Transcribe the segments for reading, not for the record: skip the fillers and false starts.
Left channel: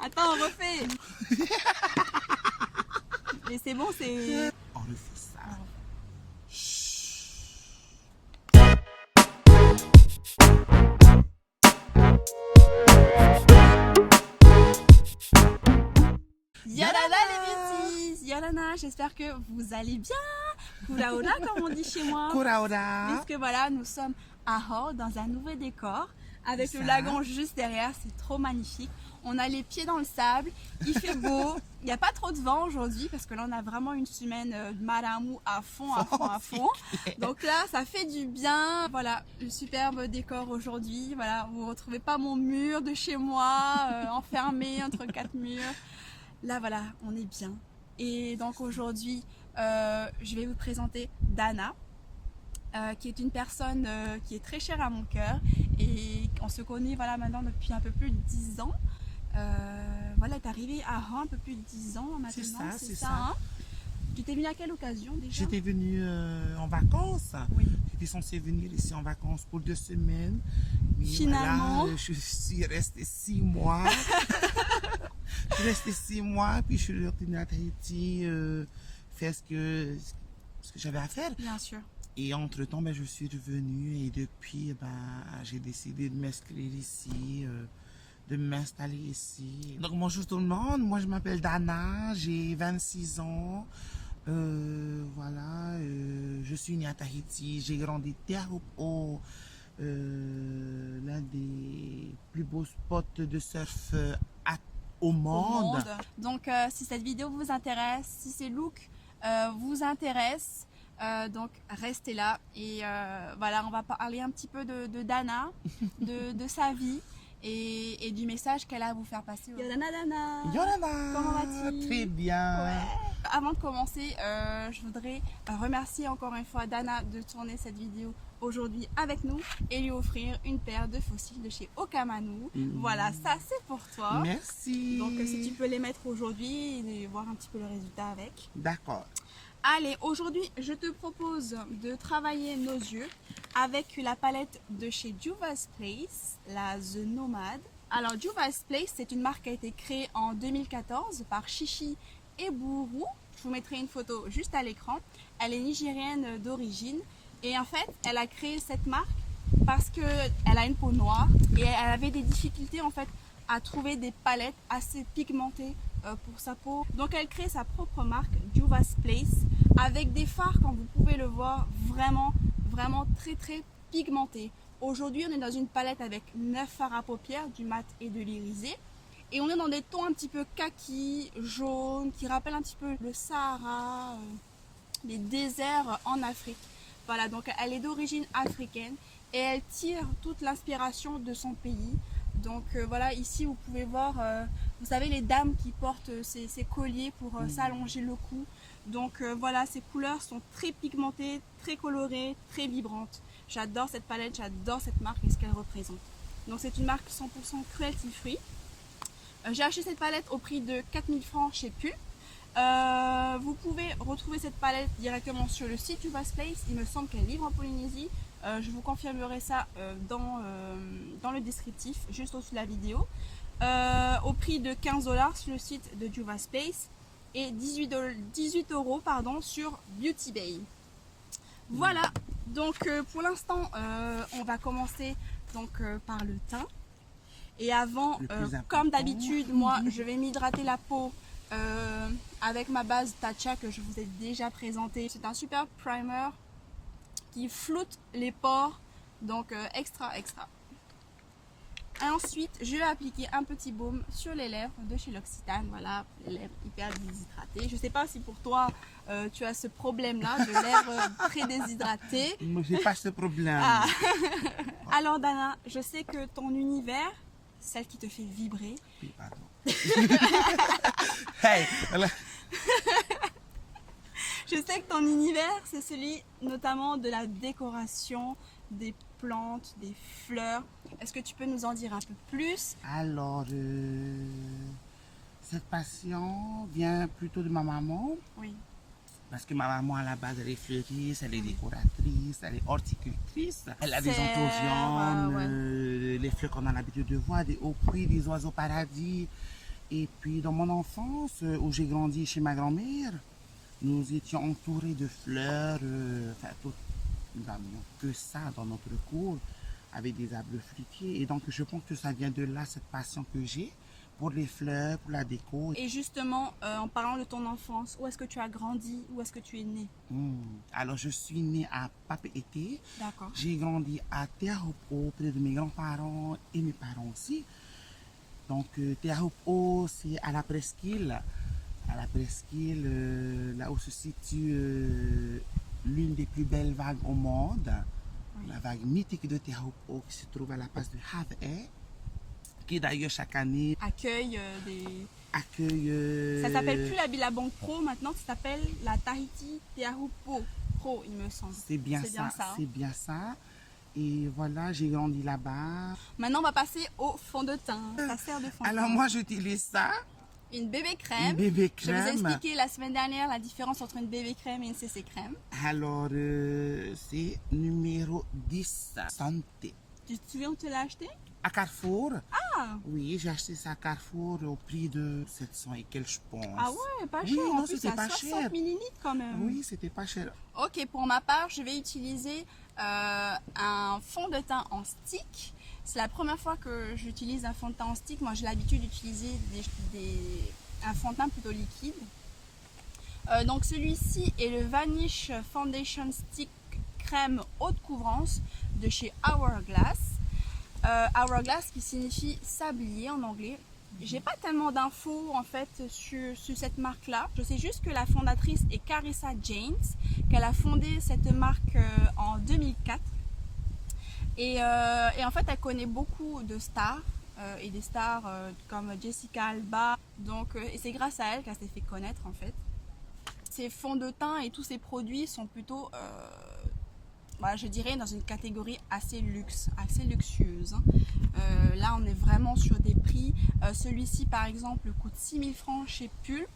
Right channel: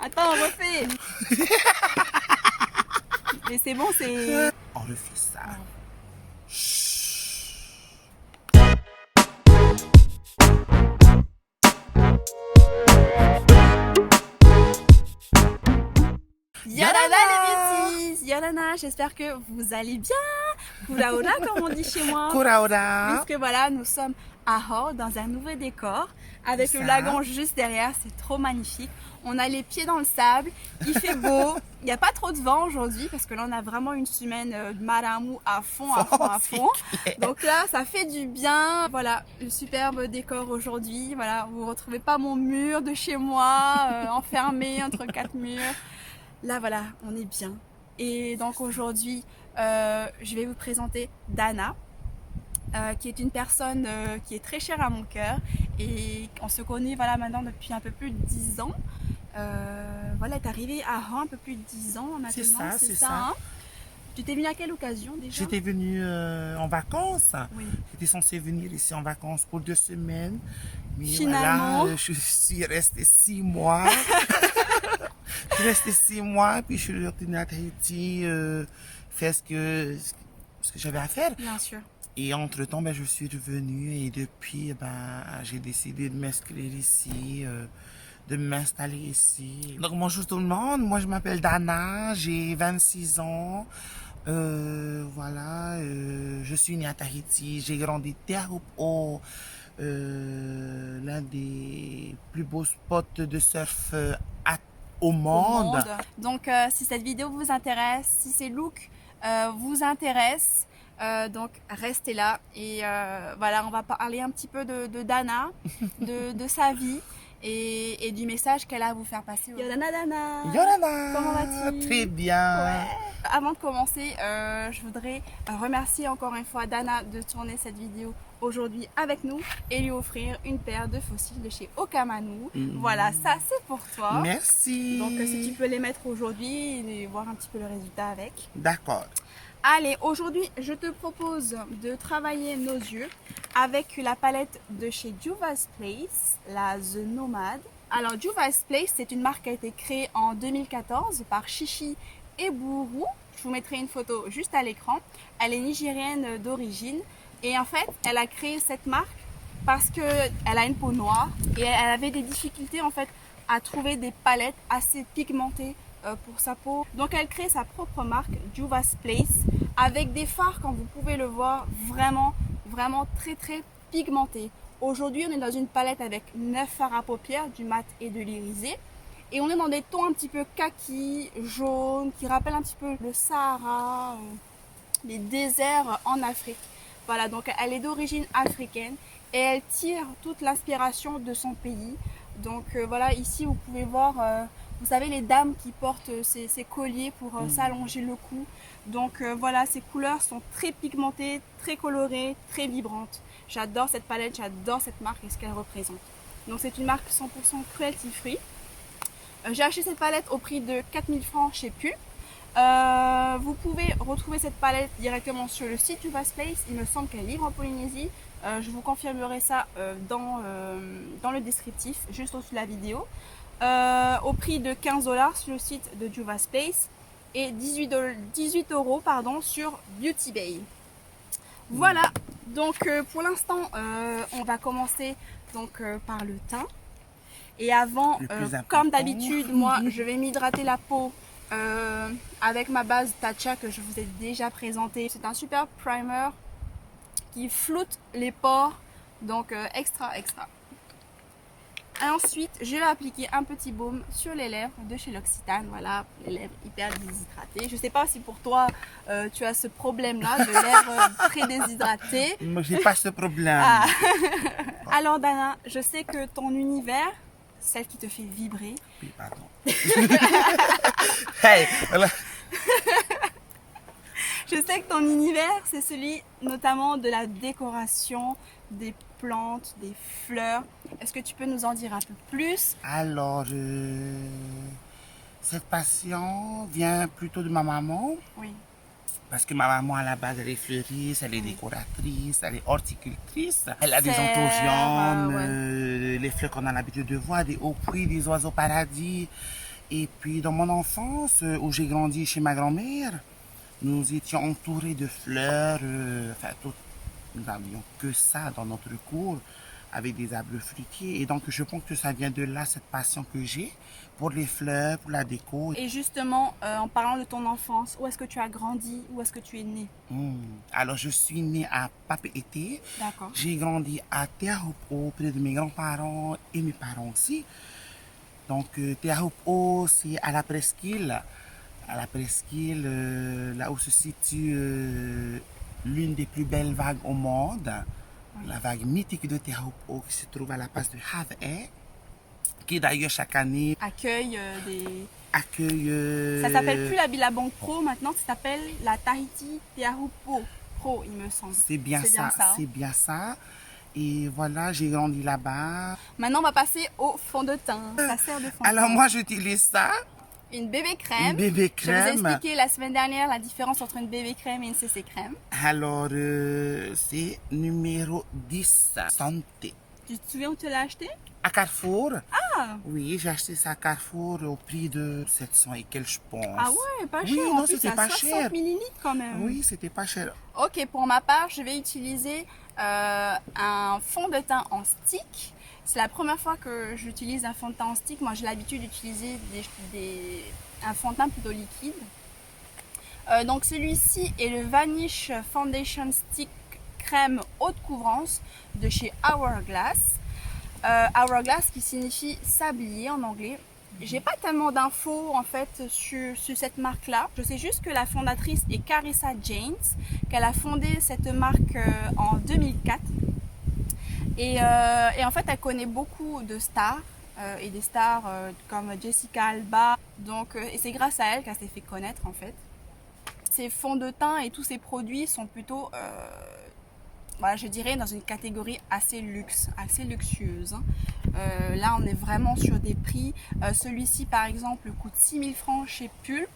Attends, on refait. Mais c'est bon, c'est... On refait ça. Yalana les beauties, Yalana, j'espère que vous allez bien. Kuraola comme on dit chez moi. Kuraola. Puisque voilà, nous sommes à Hor dans un nouveau décor avec le lagon juste derrière, c'est trop magnifique. On a les pieds dans le sable, il fait beau, il n'y a pas trop de vent aujourd'hui parce que là on a vraiment une semaine de maramou à fond. Donc là ça fait du bien, voilà, le superbe décor aujourd'hui. Voilà, vous ne retrouvez pas mon mur de chez moi enfermé entre quatre murs. Là voilà, on est bien. Et donc aujourd'hui, je vais vous présenter Dana, qui est une personne qui est très chère à mon cœur. Et on se connaît voilà, maintenant depuis un peu plus de 10 ans. Voilà, elle est arrivée à Hor un peu plus de 10 ans maintenant. C'est ça. Hein. Tu t'es venue à quelle occasion déjà? J'étais venue en vacances. Oui. J'étais censée venir ici en vacances pour 2 semaines. Mais finalement, voilà, je suis restée 6 mois. Je suis restée 6 mois, puis je suis retournée à Tahiti faire ce que j'avais à faire. Bien sûr. Et entre-temps, je suis revenue et depuis, j'ai décidé de m'inscrire ici, de m'installer ici. Donc bonjour tout le monde, moi je m'appelle Dana, j'ai 26 ans. Voilà, je suis née à Tahiti, j'ai grandi terre au l'un des plus beaux spots de surf au monde. Donc si cette vidéo vous intéresse, si ces looks vous intéressent, donc restez là et voilà, on va parler un petit peu de Dana, de sa vie et du message qu'elle a à vous faire passer. Yolana Dana, Yolana, comment vas-tu? Très bien. Ouais. Avant de commencer, je voudrais remercier encore une fois Dana de tourner cette vidéo aujourd'hui avec nous et lui offrir une paire de fossiles de chez Okamanu. Voilà, ça c'est pour toi. Merci. Donc si tu peux les mettre aujourd'hui et voir un petit peu le résultat avec. D'accord. Allez, aujourd'hui je te propose de travailler nos yeux avec la palette de chez Juva's Place, la The Nomad. Alors Juva's Place, c'est une marque qui a été créée en 2014 par Chichi et Buru. Je vous mettrai une photo juste à l'écran. Elle est nigérienne d'origine et en fait elle a créé cette marque parce qu'elle a une peau noire et elle avait des difficultés en fait à trouver des palettes assez pigmentées pour sa peau. Donc elle crée sa propre marque Juva's Place avec des fards, comme vous pouvez le voir, vraiment très pigmentés. Aujourd'hui on est dans une palette avec 9 fards à paupières, du mat et de l'irisé. Et on est dans des tons un petit peu kaki, jaune, qui rappellent un petit peu le Sahara, les déserts en Afrique. Voilà, donc elle est d'origine africaine et elle tire toute l'inspiration de son pays. Donc voilà, ici vous pouvez voir, vous savez les dames qui portent ces colliers pour s'allonger le cou. Donc voilà, ces couleurs sont très pigmentées, très colorées, très vibrantes. J'adore cette palette, j'adore cette marque et ce qu'elle représente. Donc c'est une marque 100% cruelty free. J'ai acheté cette palette au prix de 4000 francs chez Pu. Vous pouvez retrouver cette palette directement sur le site Juva's Place. Il me semble qu'elle est libre en Polynésie. Je vous confirmerai ça dans le descriptif, juste au-dessus de la vidéo. Au prix de 15$ sur le site de Juva's Place et 18 € pardon, sur Beauty Bay. Voilà, donc pour l'instant, on va commencer donc, par le teint. Et avant, comme d'habitude, moi, je vais m'hydrater la peau avec ma base Tatcha que je vous ai déjà présentée. C'est un super primer qui floute les pores, donc extra. Ensuite, je vais appliquer un petit baume sur les lèvres de chez L'Occitane. Voilà, les lèvres hyper déshydratées. Je ne sais pas si pour toi, tu as ce problème-là de lèvres très déshydratées. Moi, j'ai pas ce problème. Ah. Alors Dana, je sais que ton univers, celle qui te fait vibrer. Oui, pardon. Hey, voilà. Je sais que ton univers, c'est celui notamment de la décoration, des plantes, des fleurs. Est-ce que tu peux nous en dire un peu plus? Alors, cette passion vient plutôt de ma maman. Oui. Parce que ma maman, à la base, elle est fleuriste, elle est décoratrice, elle est horticultrice. Elle a des Serre, anthuriums, ouais. les fleurs qu'on a l'habitude de voir, des hauts fruits, des oiseaux paradis. Et puis, dans mon enfance, où j'ai grandi chez ma grand-mère, nous étions entourés de fleurs. Enfin, nous n'avions que ça dans notre cour, avec des arbres fruitiers. Et donc, je pense que ça vient de là, cette passion que j'ai pour les fleurs, pour la déco. Et justement, en parlant de ton enfance, où est-ce que tu as grandi? Où est-ce que tu es né? Alors, je suis née à Papeete. D'accord. J'ai grandi à Teahupo, près de mes grands-parents et mes parents aussi. Donc, Teahupo, c'est à la presqu'île. À la presqu'île, là où se situe l'une des plus belles vagues au monde. La vague mythique de Teahupo qui se trouve à la place de Hawaii, qui d'ailleurs chaque année Accueille des... accueille... Ça s'appelle plus la Billabong Pro maintenant, ça s'appelle la Tahiti Teahupo Pro, il me semble. C'est bien ça, hein. c'est bien ça. Et voilà, j'ai grandi là-bas. Maintenant, on va passer au fond de teint. Ça sert de fond de teint. Alors moi, j'utilise ça. Une bébé crème. Une bébé Je vous ai crème. expliqué la semaine dernière la différence entre une bébé crème et une CC crème. Alors, c'est numéro 10, santé. Tu te souviens où tu l'as acheté? À Carrefour. Ah! Oui, j'ai acheté ça à Carrefour au prix de 700 et quelques, je pense. Ah ouais, pas Oui, cher. non, En plus, c'était à pas 60 cher. millilitres quand même. Oui, c'était pas cher. Ok, pour ma part, je vais utiliser un fond de teint en stick. C'est la première fois que j'utilise un fond de teint en stick. Moi, j'ai l'habitude d'utiliser un fond de teint plutôt liquide. Donc celui-ci est le Vanish Foundation Stick Crème Haute Couvrance de chez Hourglass. Hourglass qui signifie sablier en anglais. J'ai pas tellement d'infos en fait sur cette marque là. Je sais juste que la fondatrice est Carissa James, qu'elle a fondé cette marque en 2004. Et en fait elle connaît beaucoup de stars et des stars comme Jessica Alba. Donc, et c'est grâce à elle qu'elle s'est fait connaître en fait. Ces fonds de teint et tous ces produits sont plutôt voilà, je dirais dans une catégorie assez luxe, assez luxueuse. Là, on est vraiment sur des prix. Celui-ci, par exemple, coûte 6000 francs chez Pulp.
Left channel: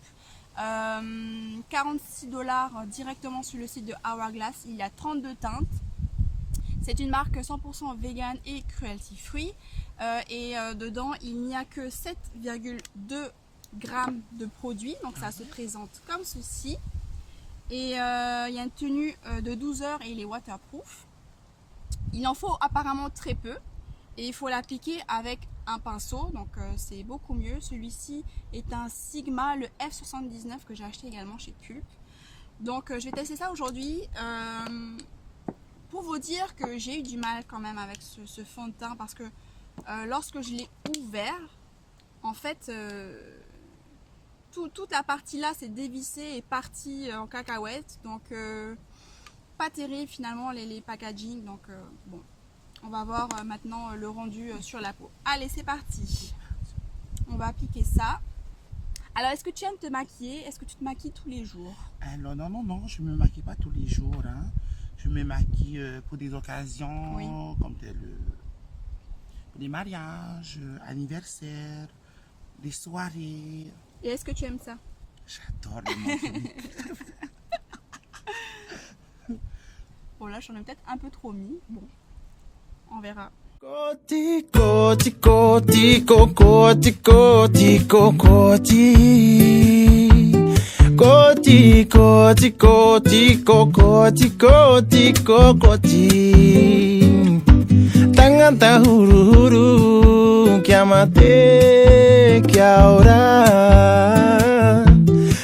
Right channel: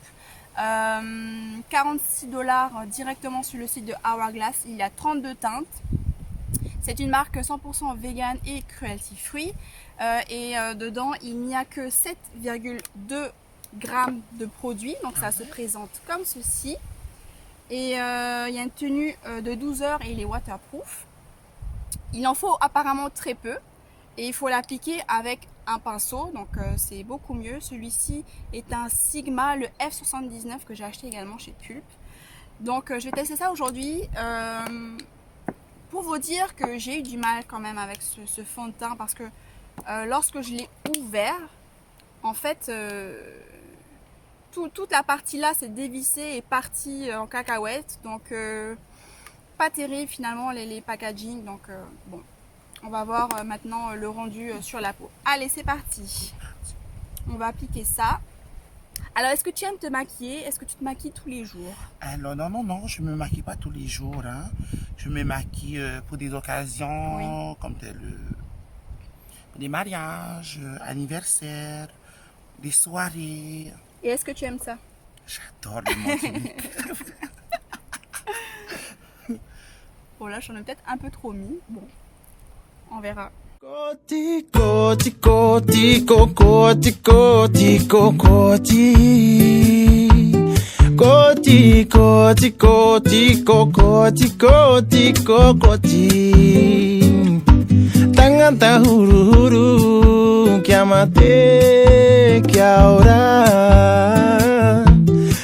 46 $ directement sur le site de Hourglass. Il y a 32 teintes. C'est une marque 100% vegan et cruelty free. Et dedans, il n'y a que 7,2 grammes de produits. Donc, ça se présente comme ceci. Et il y a une tenue de 12 heures et il est waterproof. Il en faut apparemment très peu et il faut l'appliquer avec un pinceau, donc c'est beaucoup mieux. Celui-ci est un Sigma, le F79 que j'ai acheté également chez Pulp. Donc je vais tester ça aujourd'hui pour vous dire que j'ai eu du mal quand même avec ce fond de teint parce que lorsque je l'ai ouvert, en fait toute la partie là s'est dévissée et partie en cacahuète, donc pas terrible finalement les packaging. Donc bon, on va voir maintenant le rendu sur la peau. Allez, c'est parti, on va appliquer ça. Alors, est-ce que tu aimes te maquiller? Est-ce que tu te maquilles tous les jours? Alors non, je me maquille pas tous les jours, hein. Je me maquille pour des occasions comme des mariages, anniversaires, des soirées. Et est-ce que tu aimes ça? J'adore les maquiller. Bon, là, j'en ai peut-être un peu trop mis. Bon, on verra. Koti, koti, koti, koti, koti, koti. Koti, koti, koti, koti, koti, koti. Tangan tahuru huru, kiamate, kiaura.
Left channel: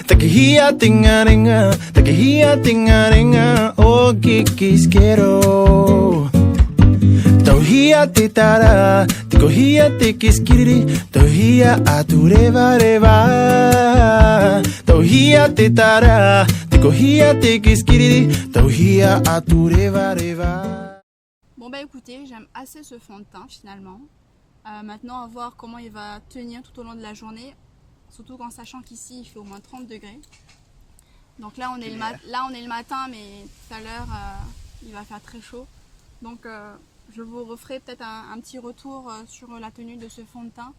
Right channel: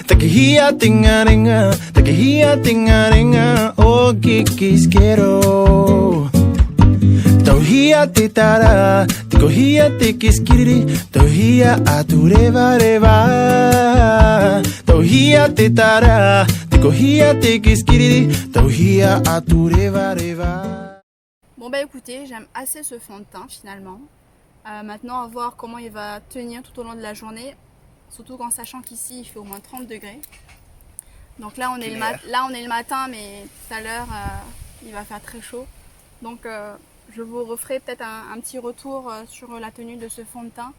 Takihia tingarenga, oh kikis Tauhia te tara, te kohia te kiskiri, tauhia atureva reva. Tauhia te tara, te kohia te kiskiri, tauhia atureva reva. Bon bah écoutez, j'aime assez ce fond de teint finalement. Maintenant à voir comment il va tenir tout au long de la journée, surtout en sachant qu'ici il fait au moins 30 degrés. Donc là on est le matin, mais tout à l'heure il va faire très chaud. Donc je vous referai peut-être un petit retour sur la tenue de ce fond de teint.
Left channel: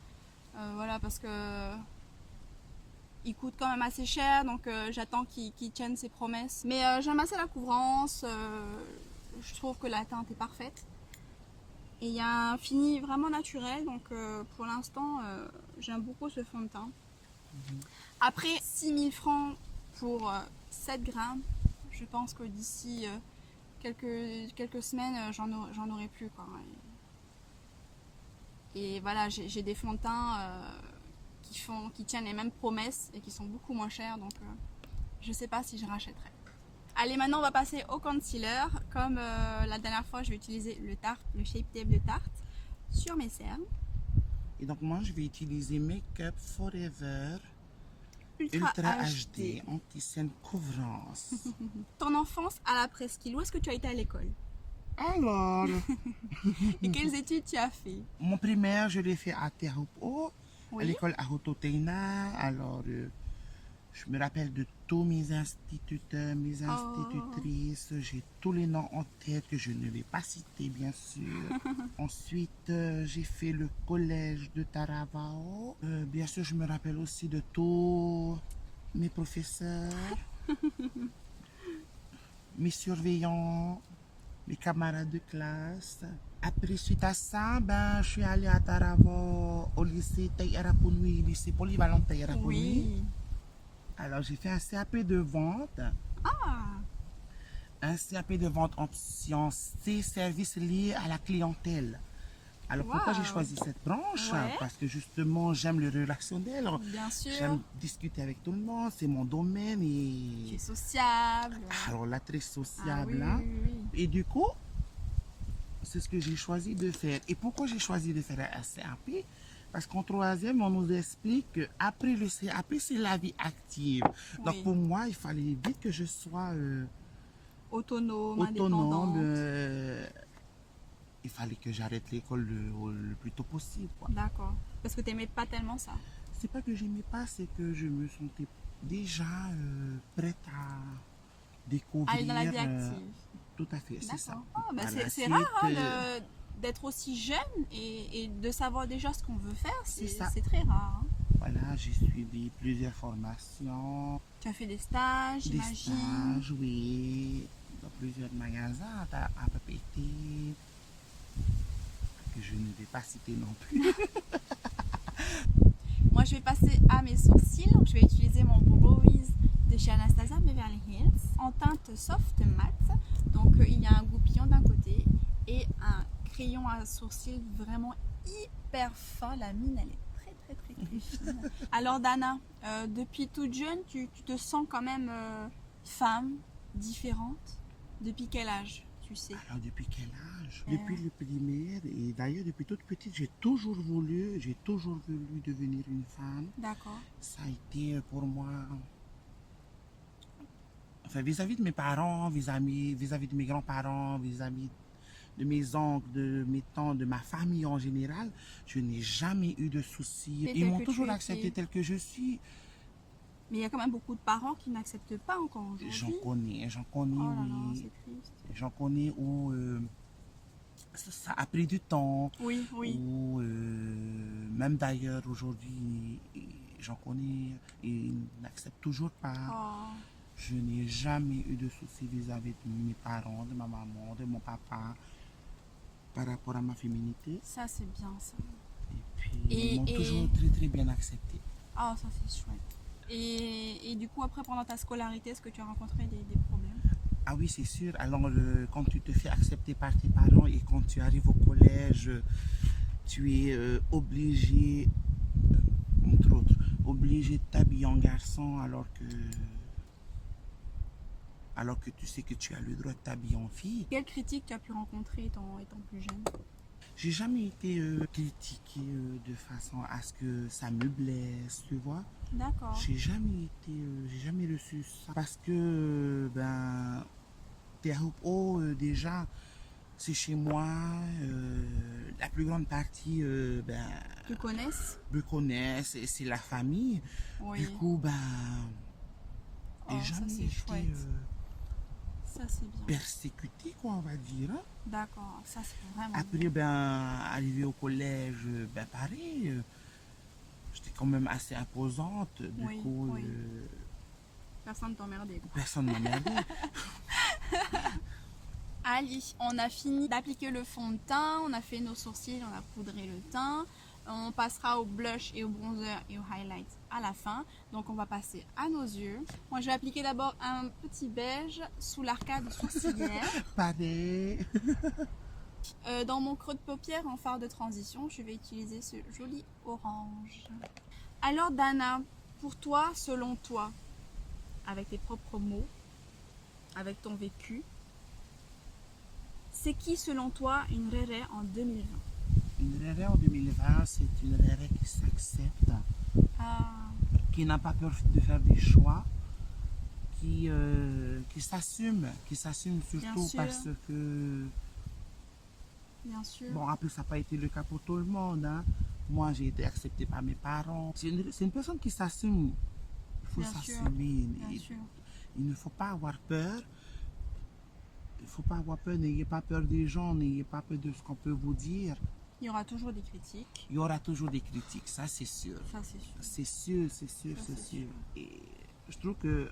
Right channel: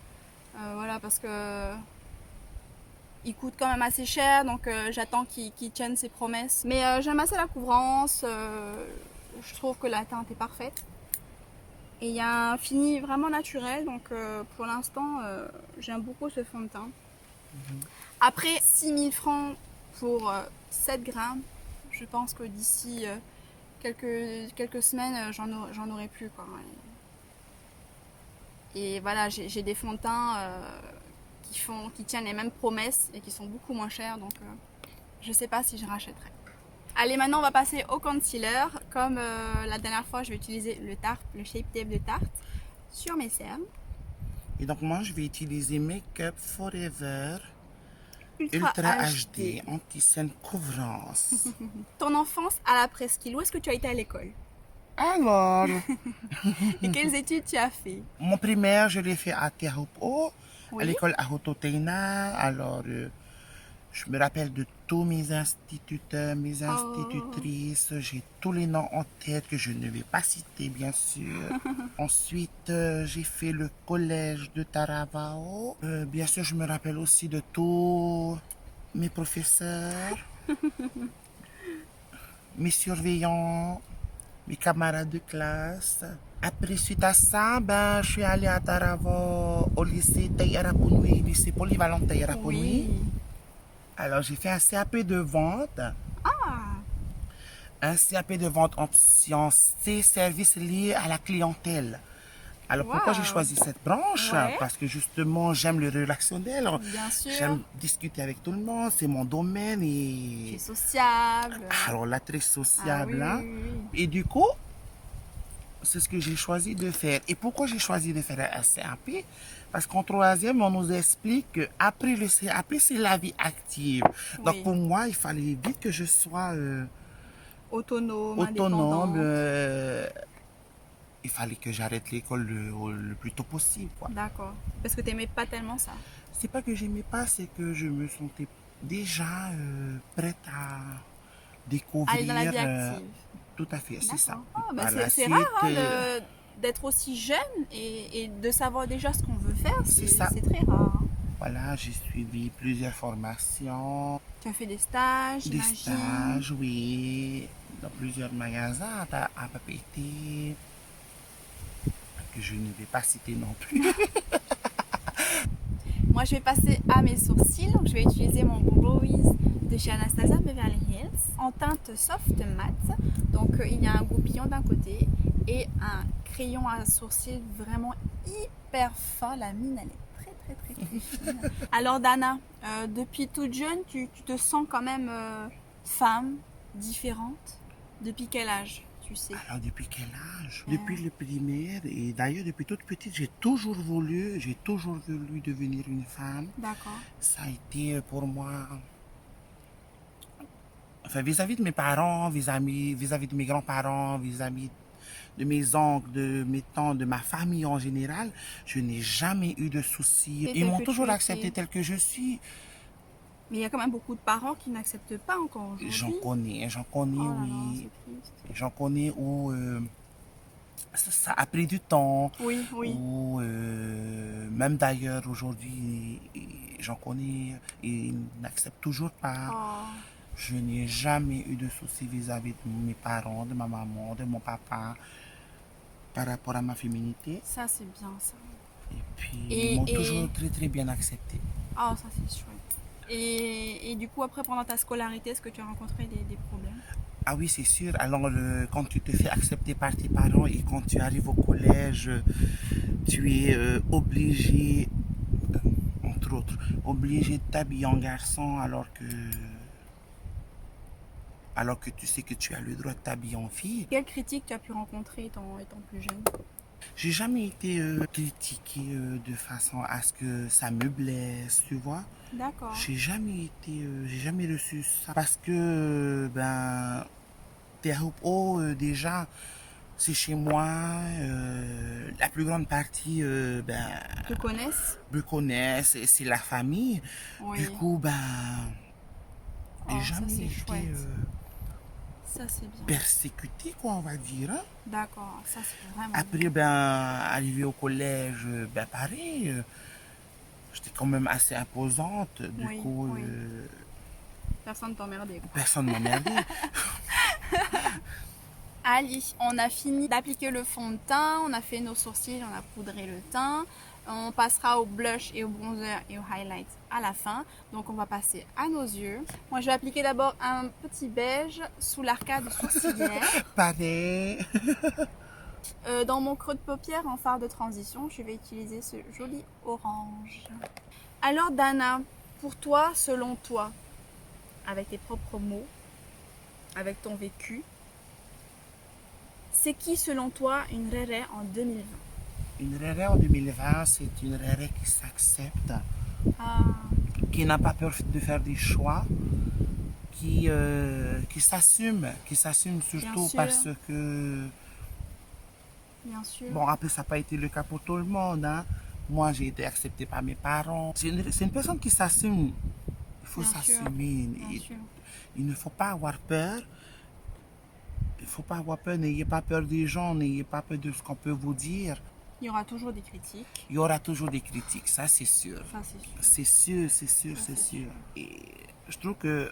Voilà, parce que il coûte quand même assez cher, donc j'attends qu'il tienne ses promesses. Mais j'aime assez la couvrance, je trouve que la teinte est parfaite. Et il y a un fini vraiment naturel, donc pour l'instant, j'aime beaucoup ce fond de teint. Après 6000 francs pour 7 grammes, je pense que d'ici quelques semaines, j'en aurai plus, quoi. Et voilà, j'ai des fonds de teint qui tiennent les mêmes promesses et qui sont beaucoup moins chers, donc je sais pas si je rachèterai. Allez, maintenant on va passer au concealer. Comme la dernière fois, je vais utiliser le Shape Tape de Tarte sur mes cernes. Et donc moi, je vais utiliser Make Up Forever Ultra HD anti-scène couvrance. Ton enfance à la presqu'île, où est-ce que tu as été à l'école? Alors, Et quelles études tu as fait? mon primaire, je l'ai fait à Teahupo'o, Oui. à l'école Ahototeina. Alors, je me rappelle de tous mes instituteurs, mes institutrices. J'ai tous les noms en tête que je ne vais pas citer, bien sûr. Ensuite, j'ai fait le collège de Taravao. Bien sûr, je me rappelle aussi de tous mes professeurs, mes surveillants, mes camarades de classe. Après, suite à ça, ben, je suis allée à Taravao, au lycée Taïarapouni, lycée polyvalent Taïarapouni. Oui. Alors, j'ai fait un CAP de vente. Ah, Un CAP de vente option C, services liés à la clientèle. Alors, pourquoi j'ai Wow. choisi cette branche? Ouais. Parce que justement, j'aime le relationnel. bien sûr. J'aime discuter avec tout le monde. C'est mon domaine. C'est Et sociable. alors, là, très Ah, sociable. oui, hein. oui, oui. Et du coup, c'est ce que j'ai choisi de faire. Et pourquoi j'ai choisi de faire un CAP? Parce qu'en troisième, on nous explique qu'après le CAP, c'est la vie active. Donc, Oui. pour moi, il fallait vite que je sois Autonome, autonome. indépendante. Il fallait que j'arrête l'école le plus tôt possible, quoi. D'accord. Parce que tu n'aimais pas tellement ça. C'est pas que j'aimais pas, c'est que je me sentais déjà prête à découvrir. Aller dans la vie active. Tout à fait, c'est ça. D'accord. Ah, bah, Par la c'est suite, rare hein, d'être aussi jeune et de savoir déjà ce qu'on veut faire. C'est ça. C'est très rare. hein. voilà, j'ai suivi plusieurs formations, Tu as fait des stages, des j'imagine. stages, oui, dans plusieurs magasins à Papeete, que je ne vais pas citer non plus. Moi, je vais passer à mes sourcils. Donc, je vais utiliser mon Browies de chez Anastasia Beverly Hills en teinte soft matte. Donc, il y a un goupillon d'un côté et un crayon à sourcils vraiment hyper fin. La mine, elle est très fine. Alors, Dana, depuis toute jeune, tu te sens quand même femme, différente. Depuis quel âge, tu sais? Alors, depuis quel âge? Depuis le primaire, et d'ailleurs, depuis toute petite, j'ai toujours voulu devenir une femme. D'accord. Ça a été pour moi, enfin, vis-à-vis de mes parents, vis-à-vis de mes grands-parents, vis-à-vis de mes oncles, de mes tantes, de ma famille en général, je n'ai jamais eu de soucis. Et Ils tel m'ont que toujours tu accepté étais. tel que je suis. Mais il y a quand même beaucoup de parents qui n'acceptent pas encore aujourd'hui. J'en connais, Oh là là, oui. c'est triste. J'en connais où ça a pris du temps. Oui, oui. Ou même d'ailleurs aujourd'hui, j'en connais, ils n'acceptent toujours pas. Oh. Je n'ai jamais eu de soucis vis-à-vis de mes parents, de ma maman, de mon papa, par rapport à ma féminité. Ça, c'est bien, ça. Et puis, Et- ils m'ont et- toujours très bien accepté. Ah, ça, c'est chouette. Et du coup, après, pendant ta scolarité, est-ce que tu as rencontré des problèmes? Ah oui, c'est sûr. Alors, quand tu te fais accepter par tes parents et quand tu arrives au collège, tu es obligé, entre autres, obligé de t'habiller en garçon alors que tu sais que tu as le droit de t'habiller en fille. Quelles critiques tu as pu rencontrer étant plus jeune? J'ai jamais été critiqué de façon à ce que ça me blesse, tu vois. D'accord. J'ai jamais reçu ça parce que déjà c'est chez moi, la plus grande partie Tu connaissent? me connaissent, et c'est la famille. Oui. Du coup Oh, j'ai ça, jamais c'est été chouette. Ça, c'est bien. persécuté, quoi, on va dire. hein. D'accord. Ça, c'est vraiment Après, bien. arrivé au collège, pareil. j'étais quand même assez imposante. Du Oui, coup, oui. Personne ne t'emmerdait. personne ne m'emmerdait. Allez, on a fini d'appliquer le fond de teint, on a fait nos sourcils, on a poudré le teint. On passera au blush et au bronzer et au highlight à la fin. Donc on va passer à nos yeux. Moi je vais appliquer d'abord un petit beige sous l'arcade sourcilière. Pareil. Dans mon creux de paupière en fard de transition, je vais utiliser ce joli orange. Alors Dana, pour toi, selon toi, avec tes propres mots, avec ton vécu, c'est qui selon toi une Réré en 2020? Une Réré en 2020, c'est une Réré qui s'accepte, Ah, qui n'a pas peur de faire des choix, qui s'assume surtout sûr. parce que, bien sûr. bon, après ça n'a pas été le cas pour tout le monde, hein. Moi, j'ai été acceptée par mes parents. C'est une personne qui s'assume. Il faut Bien sûr, s'assumer. bien sûr. Il ne faut pas avoir peur. Il ne faut pas avoir peur. N'ayez pas peur des gens. N'ayez pas peur de ce qu'on peut vous dire. Il y aura toujours des critiques. Il y aura toujours des critiques, ça c'est sûr. Ça, c'est sûr. C'est sûr, c'est sûr, Ça, c'est c'est sûr. Et je trouve que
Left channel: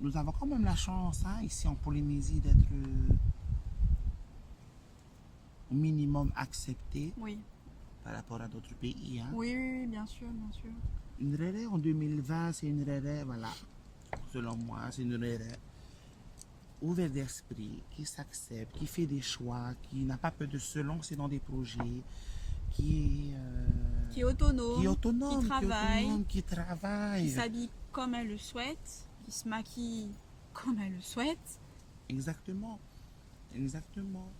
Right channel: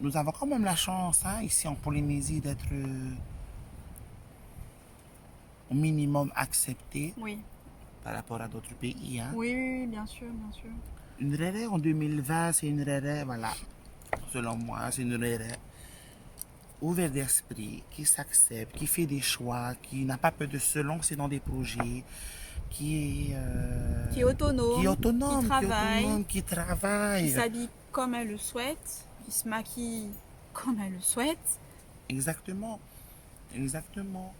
nous avons quand même la chance, hein, ici en Polynésie, d'être au minimum accepté Oui. par rapport à d'autres pays. Hein. Oui, oui, oui, bien sûr, bien sûr. Une Réré en 2020, c'est une Réré, voilà, selon moi, c'est une Réré ouverte d'esprit, qui s'accepte, qui fait des choix, qui n'a pas peur de se lancer dans des projets, qui est, Qui est autonome. qui est autonome, Qui qui travaille. Qui s'habille comme elle le souhaite. Qui se maquille comme elle le souhaite. Exactement, exactement.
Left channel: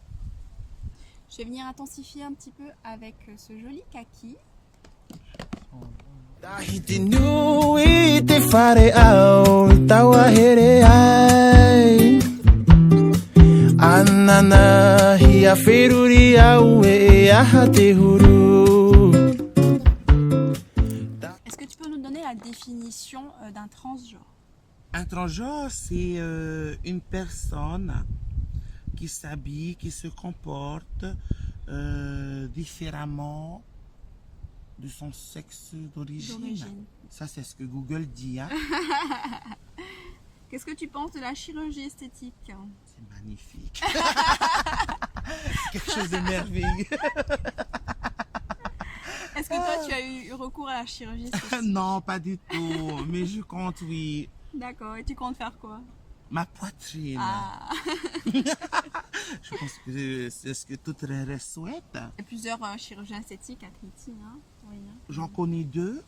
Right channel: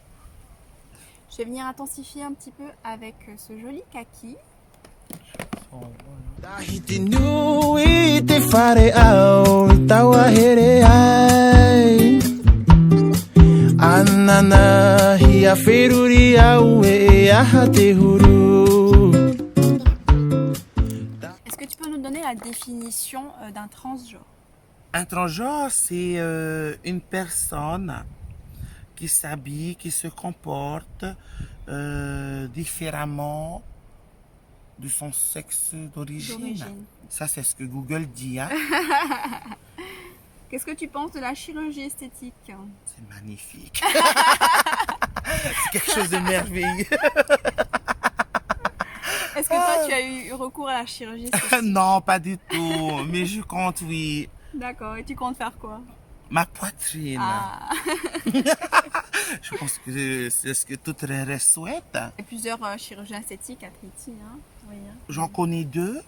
Je vais venir intensifier un petit peu avec ce joli kaki. Tahiti nui te whare au tawa here ai Anana hia whiruri au e aha te huru Est-ce que tu peux nous donner la définition d'un transgenre? Un transgenre, c'est une personne qui s'habille, qui se comporte différemment de son sexe d'origine. Ça, c'est ce que Google dit. Hein. Qu'est-ce que tu penses de la chirurgie esthétique? C'est magnifique. C'est quelque chose de merveilleux. Est-ce que toi, tu as eu recours à la chirurgie esthétique? Non, pas du tout. Mais je compte, oui. D'accord. Et tu comptes faire quoi? Ma poitrine. Ah. Je pense que c'est ce que toute Réré souhaite. Il y a plusieurs chirurgiens esthétiques à Tahiti. Hein? Oui, hein. J'en connais deux.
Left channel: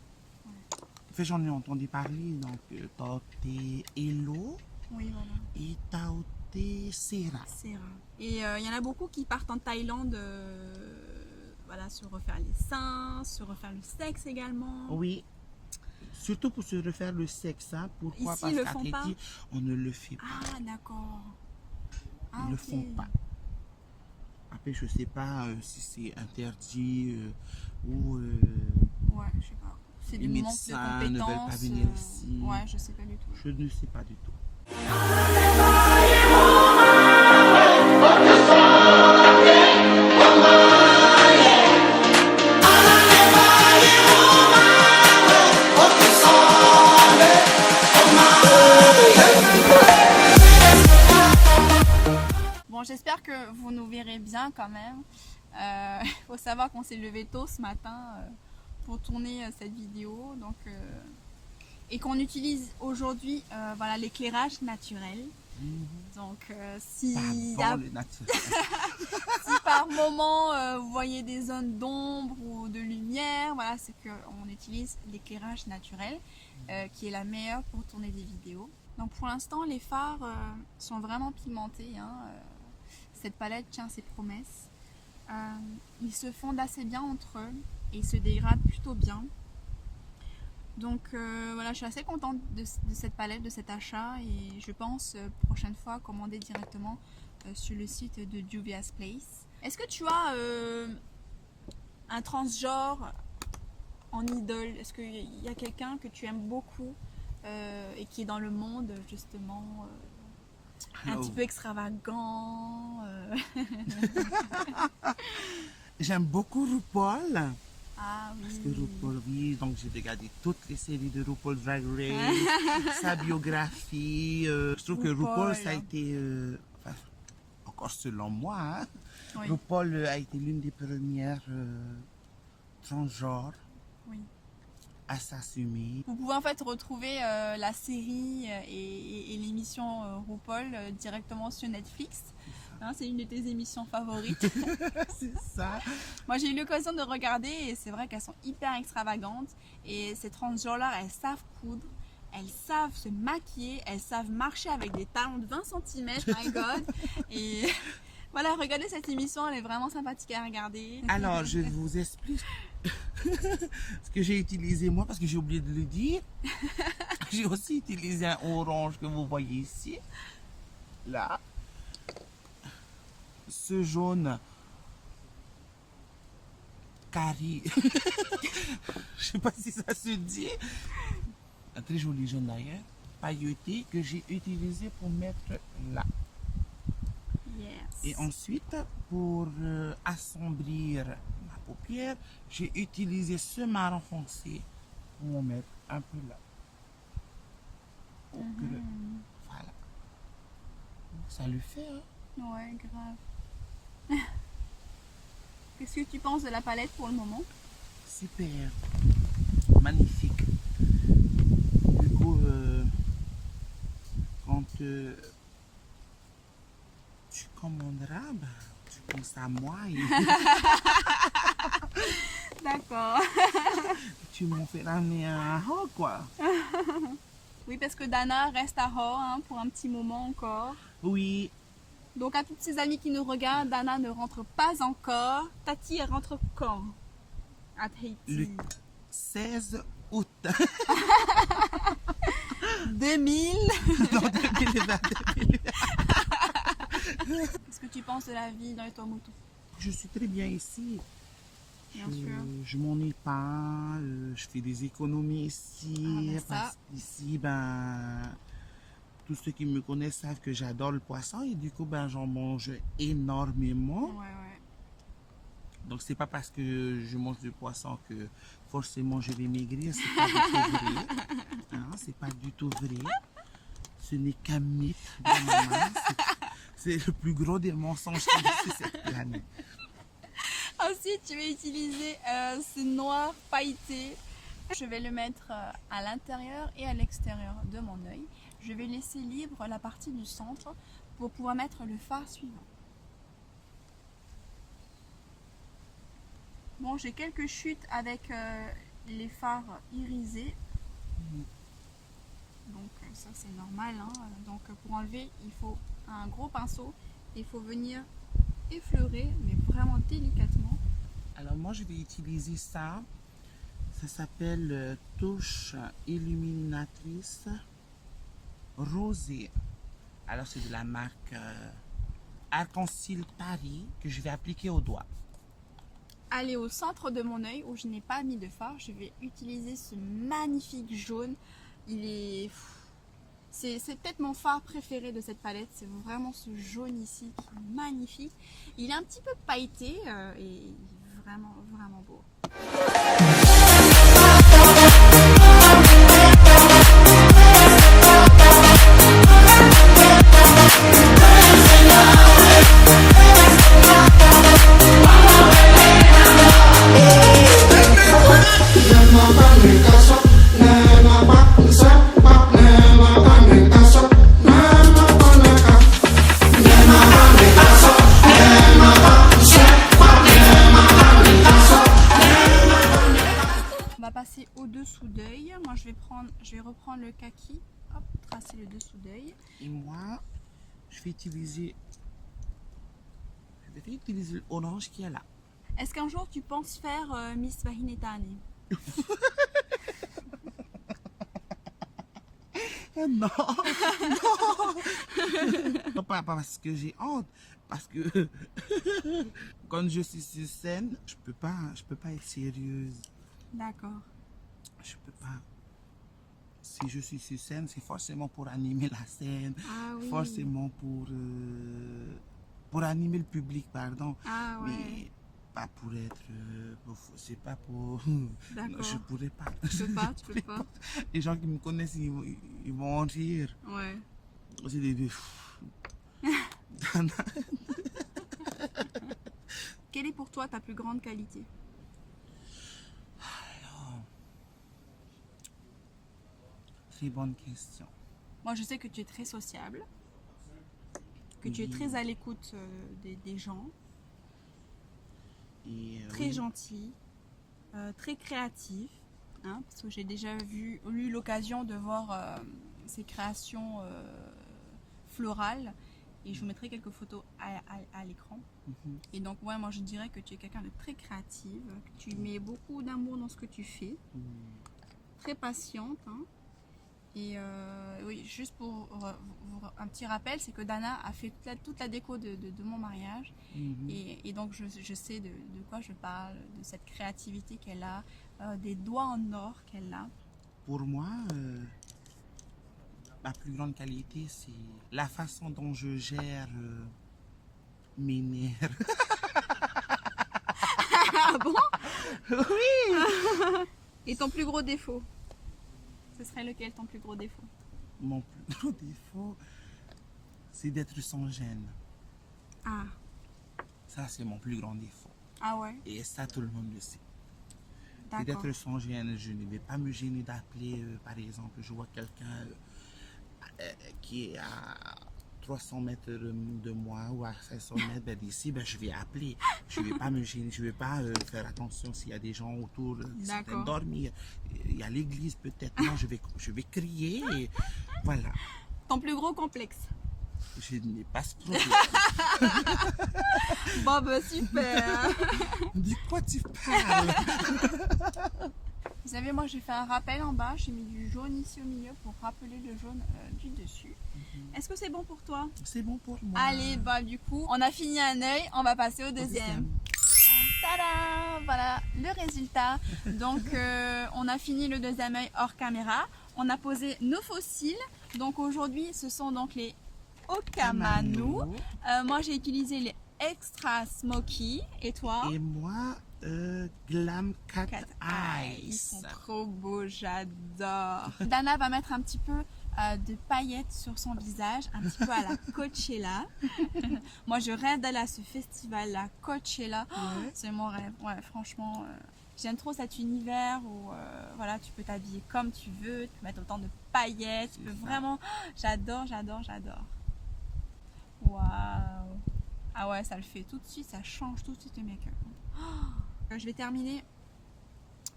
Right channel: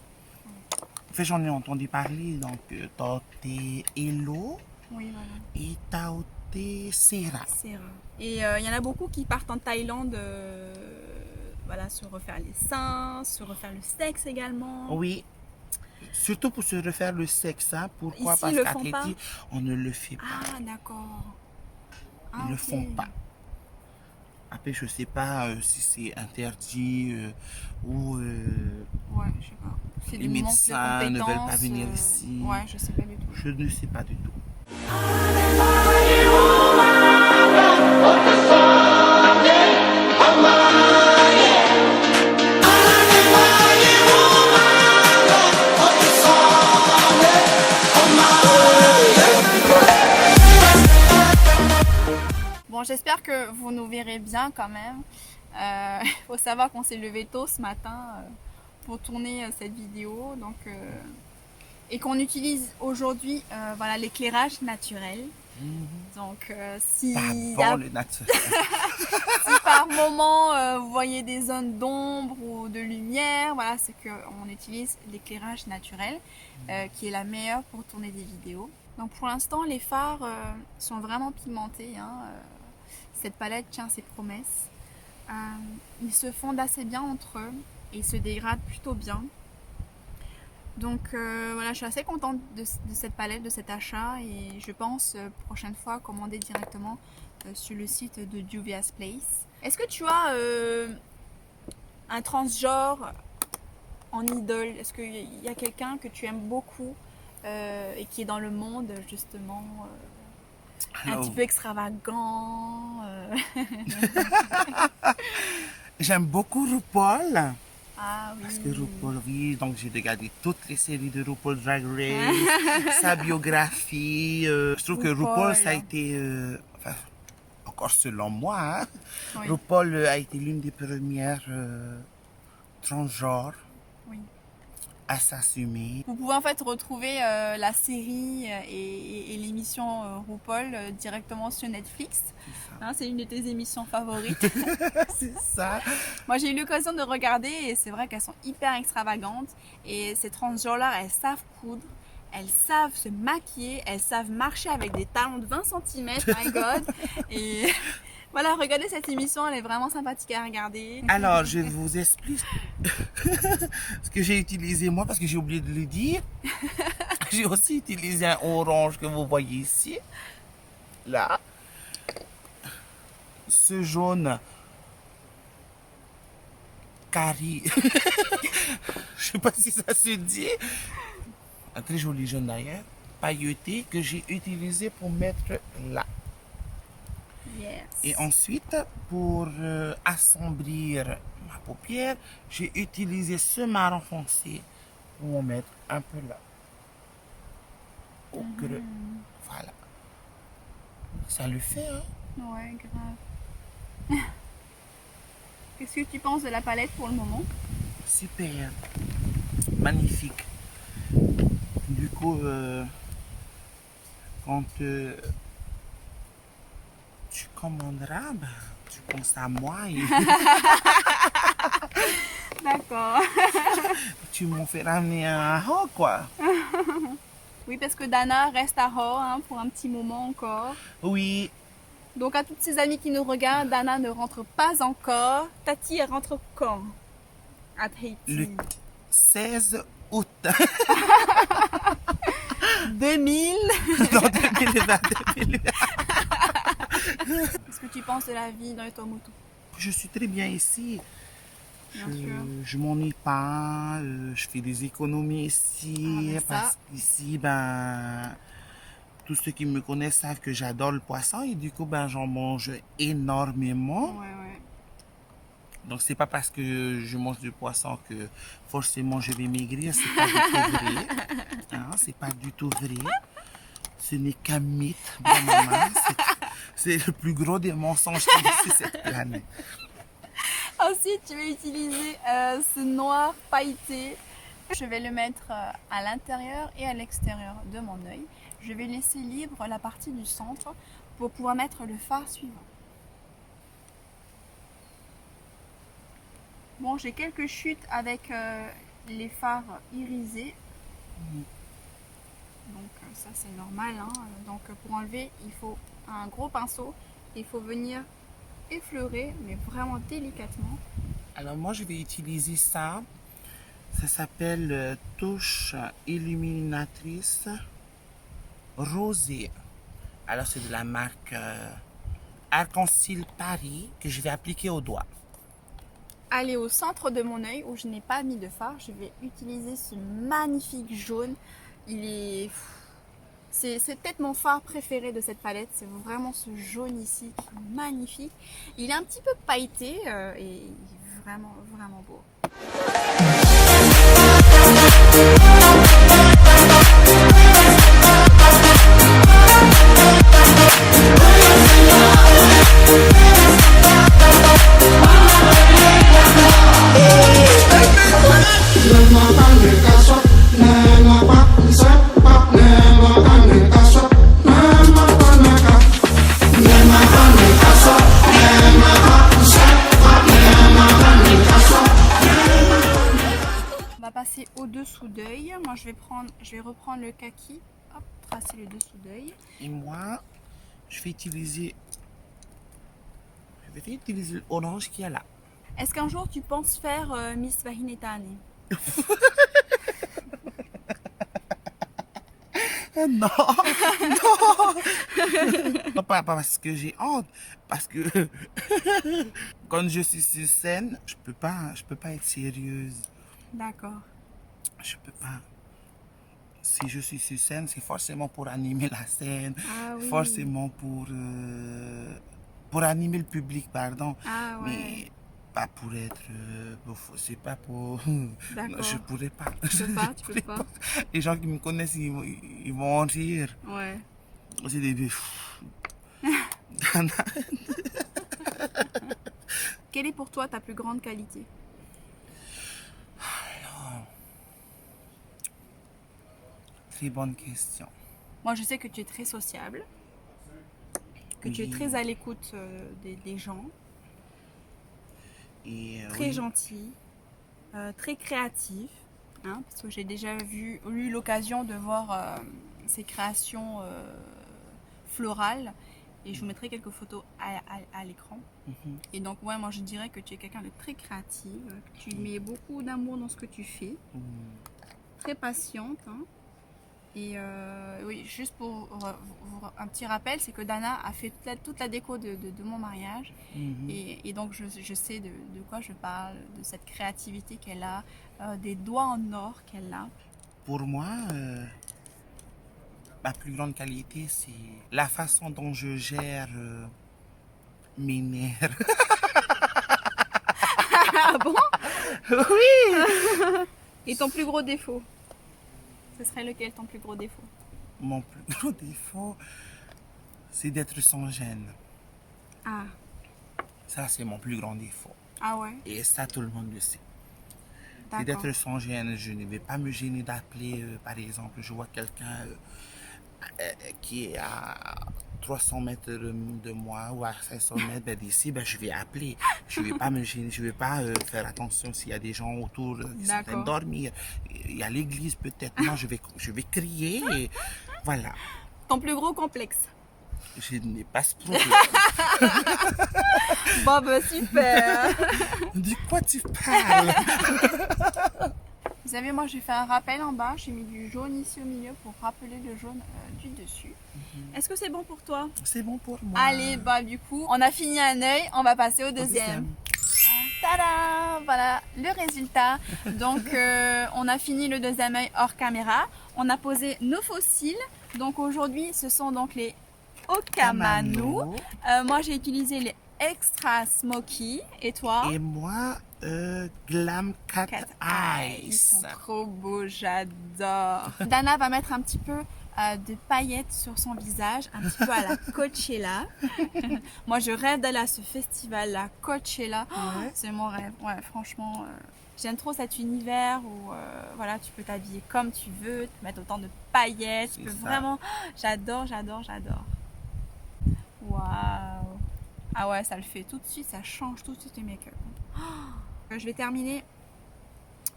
En fait, j'en ai entendu parler. Donc, Taoté Elo Oui, voilà. et Taoté Sera. C'est rare. Et il y en a beaucoup qui partent en Thaïlande voilà, se refaire les seins, se refaire le sexe également. Oui. Surtout pour se refaire le sexe. Hein. Pourquoi? Ici, Parce ils le qu'à font Tahiti, on ne le fait pas. Ah, d'accord. Ils ne le font pas. Après, je ne sais pas si c'est interdit ou Ouais, je sais pas. C'est les du manque de médecins ne veulent pas compétences, venir ici. Ouais, je sais pas du tout. Je ne sais pas du tout. Bon, j'espère que vous nous verrez bien quand même. Il faut savoir qu'on s'est levé tôt ce matin pour tourner cette vidéo. Donc, et qu'on utilise aujourd'hui voilà, l'éclairage naturel. Donc, si, Le naturel. si par moment vous voyez des zones d'ombre ou de lumière, voilà, c'est qu'on utilise l'éclairage naturel qui est la meilleure pour tourner des vidéos. Donc pour l'instant, les fards sont vraiment pigmentés. Hein, cette palette tient ses promesses. Ils se fondent assez bien entre eux et ils se dégradent plutôt bien. Donc voilà, je suis assez contente de cette palette, de cet achat et je pense prochaine fois commander directement sur le site de Juvia's Place. Est-ce que tu as un transgenre en idole? Est-ce qu'il y a quelqu'un que tu aimes beaucoup et qui est dans le monde justement un petit peu extravagant J'aime beaucoup RuPaul. Ah oui. Parce que RuPaul, oui, donc j'ai regardé toutes les séries de RuPaul Drag Race, sa biographie. Je trouve que RuPaul, ça a été, enfin, encore selon moi, hein, Oui. RuPaul a été l'une des premières transgenres Oui. à s'assumer. Vous pouvez en fait retrouver la série et l'émission RuPaul directement sur Netflix. Hein, c'est une de tes émissions favorites. C'est ça. Moi, j'ai eu l'occasion de regarder et c'est vrai qu'elles sont hyper extravagantes. Et ces transgenres-là, elles savent coudre, elles savent se maquiller, elles savent marcher avec des talons de 20 cm, my God. Et voilà, regardez cette émission, elle est vraiment sympathique à regarder. Alors, je vous explique ce que j'ai utilisé moi parce que j'ai oublié de le dire. J'ai aussi utilisé un orange que vous voyez ici. Là. Ce jaune carré. Je sais pas si ça se dit. Un très joli jaune d'ailleurs. Pailleté que j'ai utilisé pour mettre là. Yes. Et ensuite, pour assombrir ma paupière, j'ai utilisé ce marron foncé pour en mettre un peu là. Au creux. Voilà. Ça le fait, hein? Ouais, grave. Qu'est-ce que tu penses de la palette pour le moment? Super. Magnifique. Du coup, quand tu commanderas, ben, tu penses à moi et D'accord. tu m'en fais ramener un haut, quoi. Oui, parce que Dana reste à Ho hein, pour un petit moment encore. Oui, Donc à toutes ces amies qui nous regardent, Dana ne rentre pas encore. Tati, elle rentre quand? À Tahiti. le 16 août 2000. dans 2020. Qu'est-ce que tu penses de la vie dans les Tuamotu? Je suis très bien ici. Bien sûr. Je m'ennuie pas, je fais des économies ici, Ah, ben ça. parce qu'ici, ben, tous ceux qui me connaissent savent que j'adore le poisson et du coup, ben, j'en mange énormément. Ouais, ouais. Donc, c'est pas parce que je mange du poisson que forcément je vais maigrir, c'est pas du tout vrai. Hein, c'est pas du tout vrai. Ce n'est qu'un mythe de maman. C'est le plus gros des mensonges qui existe sur cette planète. Ensuite, je vais utiliser ce noir pailleté. Je vais le mettre à l'intérieur et à l'extérieur de mon œil. Je vais laisser libre la partie du centre pour pouvoir mettre le fard suivant. Bon, j'ai quelques chutes avec les fards irisés. Donc ça c'est normal. Hein. Donc pour enlever, il faut un gros pinceau. Il faut venir effleurer, mais vraiment délicatement. Alors moi je vais utiliser ça. Ça s'appelle touche illuminatrice rosée. Alors c'est de la marque Arc-en-Ciel Paris que je vais appliquer au doigt. Aller au centre de mon œil où je n'ai pas mis de fard, je vais utiliser ce magnifique jaune. Il est... C'est peut-être mon fard préféré de cette palette, c'est vraiment ce jaune ici qui est magnifique. Il est un petit peu pailleté et il est vraiment, vraiment beau. Au-dessous d'œil, moi je vais reprendre le kaki, hop, tracer le dessous d'œil. Et moi, je vais utiliser l'orange qui est là. Est-ce qu'un jour tu penses faire Miss Vahinetane? Non, non, non, pas parce que j'ai honte, parce que quand je suis sur scène, je peux pas être sérieuse. D'accord. Je peux pas. Si je suis sur scène, c'est forcément pour animer la scène, Ah oui. forcément pour animer le public, pardon. Ah ouais. Mais pas pour être... c'est pas pour... D'accord. Je pourrais pas. Tu peux pas, tu peux pas. Les gens qui me connaissent, ils vont en rire. Ouais. C'est des... Quelle est pour toi ta plus grande qualité? Très bonne question. Moi, je sais que tu es très sociable, que tu es Oui. très à l'écoute des gens, Et, très oui. gentil, très créatif, hein, parce que j'ai déjà eu l'occasion de voir ces créations florales et je vous mettrai quelques photos à l'écran. Mhm. Et donc, ouais, moi je dirais que tu es quelqu'un de très créatif, que tu mets beaucoup d'amour dans ce que tu fais, très patiente, hein. Et oui, juste pour un petit rappel, c'est que Dana a fait toute la déco de mon mariage. Mhm. Et donc je sais de quoi je parle, de cette créativité qu'elle a, des doigts en or qu'elle a. Pour moi, ma plus grande qualité, c'est la façon dont je gère mes nerfs. Ah bon? Oui! Et ton plus gros défaut? Ce serait lequel ton plus gros défaut? Mon plus gros défaut, c'est d'être sans gêne. Ah, Ça, c'est mon plus grand défaut. ah ouais, Et ça, tout le monde le sait. C'est d'accord. d'être sans gêne. Je ne vais pas me gêner d'appeler, par exemple, je vois quelqu'un qui est à 300 mètres de moi ou à 500 mètres d'ici, ben, je vais appeler. Je ne vais pas me gêner, je ne vais pas faire attention s'il y a des gens autour qui sont en train de D'accord. dormir. Il y a l'église peut-être. Non, je vais crier et voilà. Ton plus gros complexe? Je n'ai pas ce problème. Bon bah super. De quoi tu parles? Vous savez, moi j'ai fait un rappel en bas, j'ai mis du jaune ici au milieu pour rappeler le jaune du dessus. Est-ce que c'est bon pour toi? C'est bon pour moi. Allez, bah du coup, on a fini un œil, on va passer au deuxième. Tada! Voilà le résultat. Donc, on a fini le deuxième œil hors caméra. On a posé nos fossiles. Donc aujourd'hui, ce sont donc les Okamanu. Moi, j'ai utilisé les Extra Smoky. Et toi? Et moi, Glam Cat, Ils Eyes. sont trop beaux, j'adore. Dana va mettre un petit peu de paillettes sur son visage, un petit peu à la Coachella. Moi, je rêve d'aller à ce festival, la Coachella. Ouais. C'est mon rêve. Ouais, franchement, j'aime trop cet univers où voilà, tu peux t'habiller comme tu veux, tu peux mettre autant de paillettes, tu C'est peux ça. vraiment. J'adore, j'adore, j'adore. Waouh! Ah ouais, ça le fait tout de suite, ça change tout de suite le make-up. Je vais terminer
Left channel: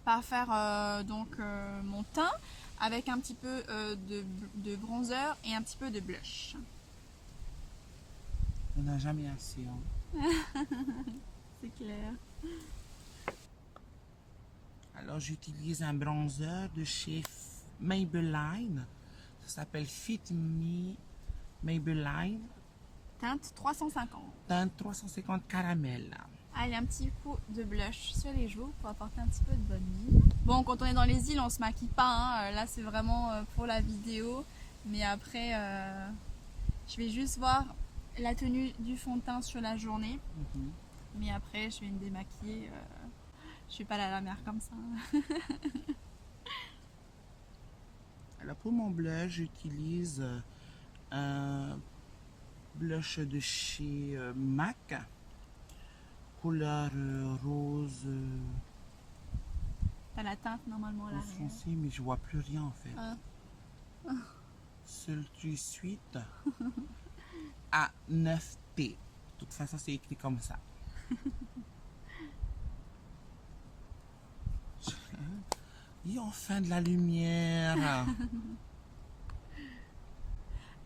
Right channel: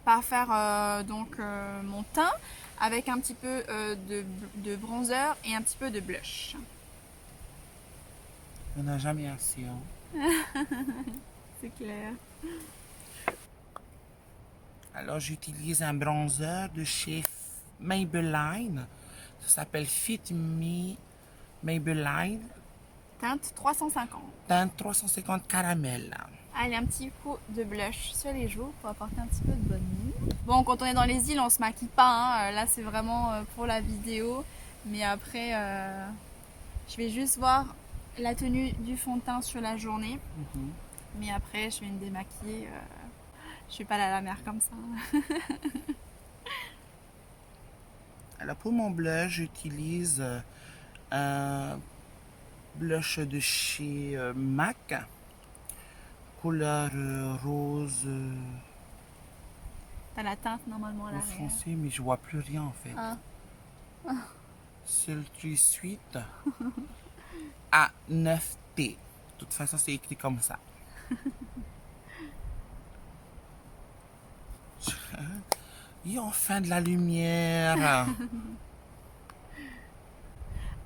par faire donc mon teint avec un petit peu de bronzer et un petit peu de blush. On n'a jamais assez. Hein. C'est clair. Alors, j'utilise un bronzer de chez Maybelline. Ça s'appelle Fit Me Maybelline. Teinte 350. Teinte 350 caramel. Allez, un petit coup de blush sur les joues pour apporter un petit peu de bonne mine. Bon, quand on est dans les îles, on se maquille pas. Hein. Là, c'est vraiment pour la vidéo. Mais après, je vais juste voir la tenue du fond de teint sur la journée. Mhm. Mais après, je vais me démaquiller. Je vais pas aller à la mer comme ça. Alors, pour mon blush, j'utilise un blush de chez MAC. Couleur rose T'as la teinte normalement à en l'arrière. français, mais je vois plus rien en fait. Ah. Sultry Sweet à 9P. De toute façon, c'est écrit comme ça. Et enfin de la lumière.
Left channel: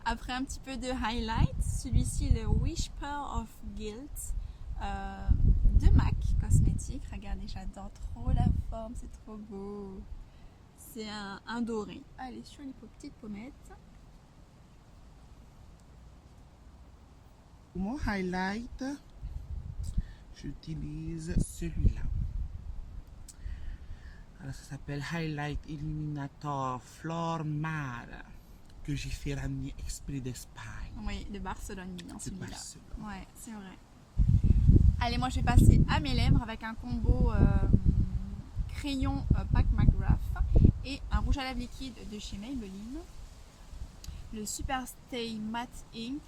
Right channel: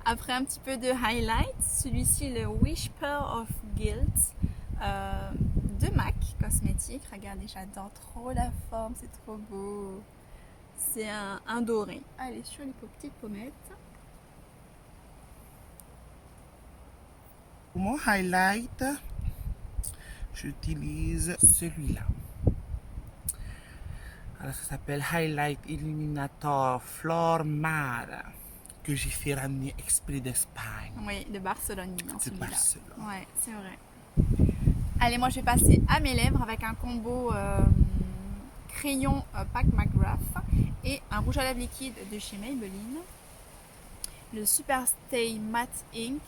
Après un petit peu de highlight, celui-ci le Whisper of Guilt de MAC Cosmetics. Regardez, j'adore trop la forme, c'est trop beau. C'est un doré. Allez, sur les petites pommettes. Pour mon highlight, j'utilise celui-là. Alors, ça s'appelle Highlight Illuminator Flor Mar, que j'ai fait ramener exprès d'Espagne. Oui, de Barcelone, hein, De celui-là. Barcelone. Ouais, c'est vrai. Allez, moi je vais passer à mes lèvres avec un combo crayon Pac McGrath et un rouge à lèvres liquide de chez Maybelline. Le Super Stay Matte Ink.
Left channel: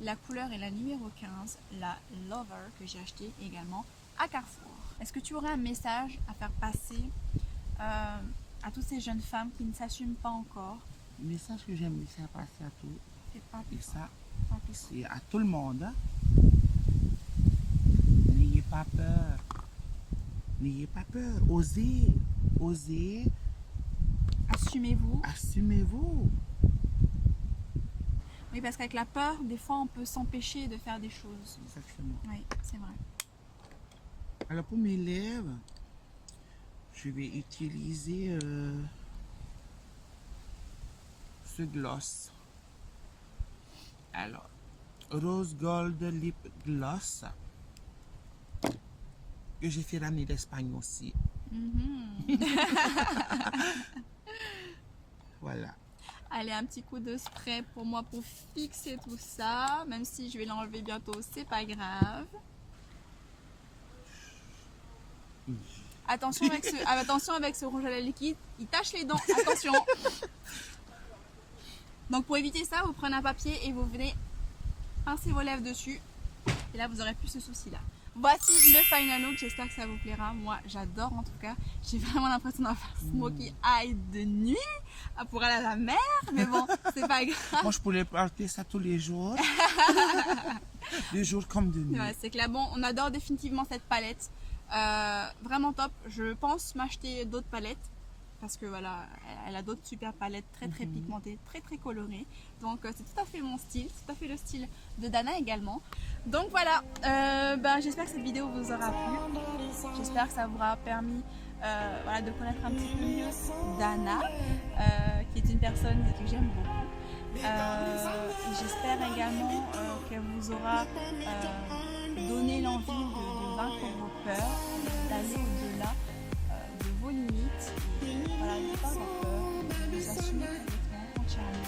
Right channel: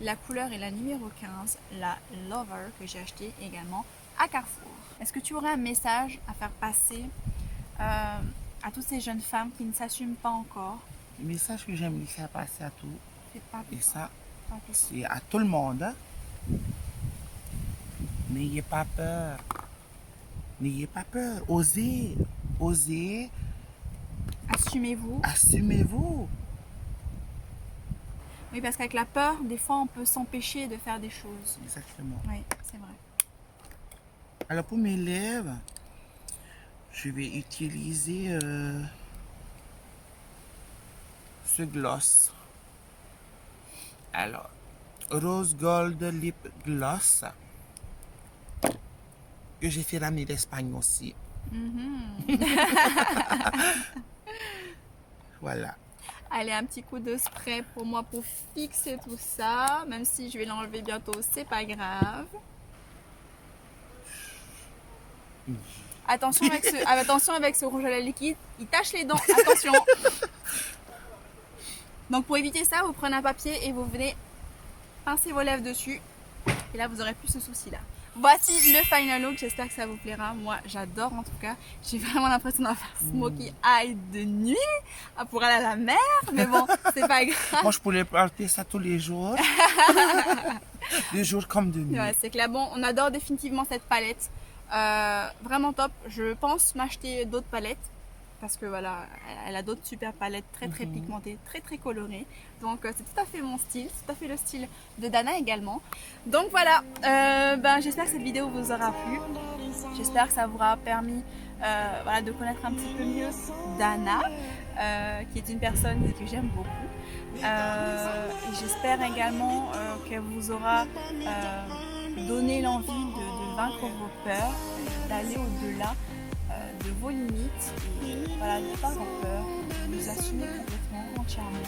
La couleur est la numéro 15, la Lover, que j'ai acheté également à Carrefour. Est-ce que tu aurais un message à faire passer à toutes ces jeunes femmes qui ne s'assument pas encore? Le message que j'aime faire passer à tout, C'est pas et ça, tant que c'est à tout le monde. Hein. N'ayez pas peur. N'ayez pas peur. Osez. Osez. assumez-vous. Assumez-vous. Oui, parce qu'avec la peur, des fois, on peut s'empêcher de faire des choses. Exactement. Oui, c'est vrai. Alors pour mes lèvres, je vais utiliser ce gloss. Alors, Rose Gold Lip Gloss. Que j'ai fait ramener d'Espagne aussi. Voilà. Allez, un petit coup de spray pour moi pour fixer tout ça. Même si je vais l'enlever bientôt, c'est pas grave. Attention avec ce rouge à lèvres liquide, il tache les dents, attention. Donc pour éviter ça, vous prenez un papier et vous venez pincer vos lèvres dessus. Et là, vous aurez plus ce souci-là. Voici le final look, j'espère que ça vous plaira. Moi, j'adore en tout cas. J'ai vraiment l'impression d'avoir faire smoky eye de nuit pour aller à la mer. Mais bon, c'est pas grave. Moi, je pourrais porter ça tous les jours. De jour comme de nuit. Ouais, c'est clair. Bon, on adore définitivement cette palette. Vraiment top. Je pense m'acheter d'autres palettes. Parce que voilà, elle a d'autres super palettes très pigmentées, très colorées. Donc c'est tout à fait mon style, tout à fait le style de Dana également. Donc voilà, j'espère que cette vidéo vous aura plu. J'espère que ça vous aura permis voilà, de connaître un petit peu mieux Dana, qui est une personne que j'aime beaucoup. J'espère également qu'elle vous aura donné l'envie de vaincre vos peurs, d'aller au-delà de vos limites et voilà, de ne pas avoir peur, de vous assumer complètement, entièrement.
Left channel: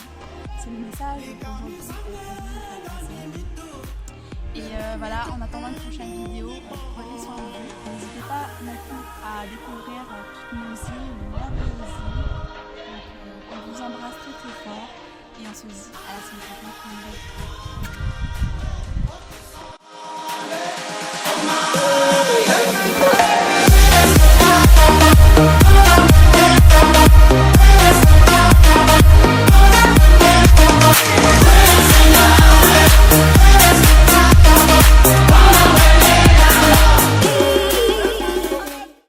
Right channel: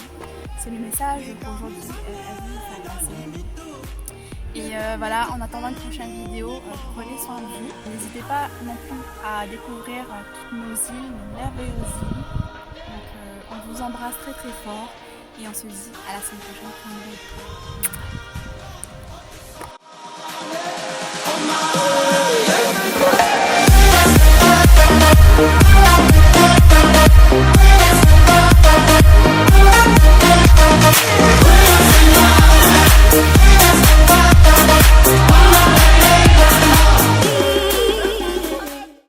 C'est le message qu'aujourd'hui elle veut vous faire passer. Et voilà, en attendant une prochaine vidéo, prenez soin de vous. N'hésitez pas non plus à découvrir toutes nos îles, nos merveilleuses îles. Donc on vous embrasse très fort et on se dit à la semaine prochaine pour une nouvelle vidéo.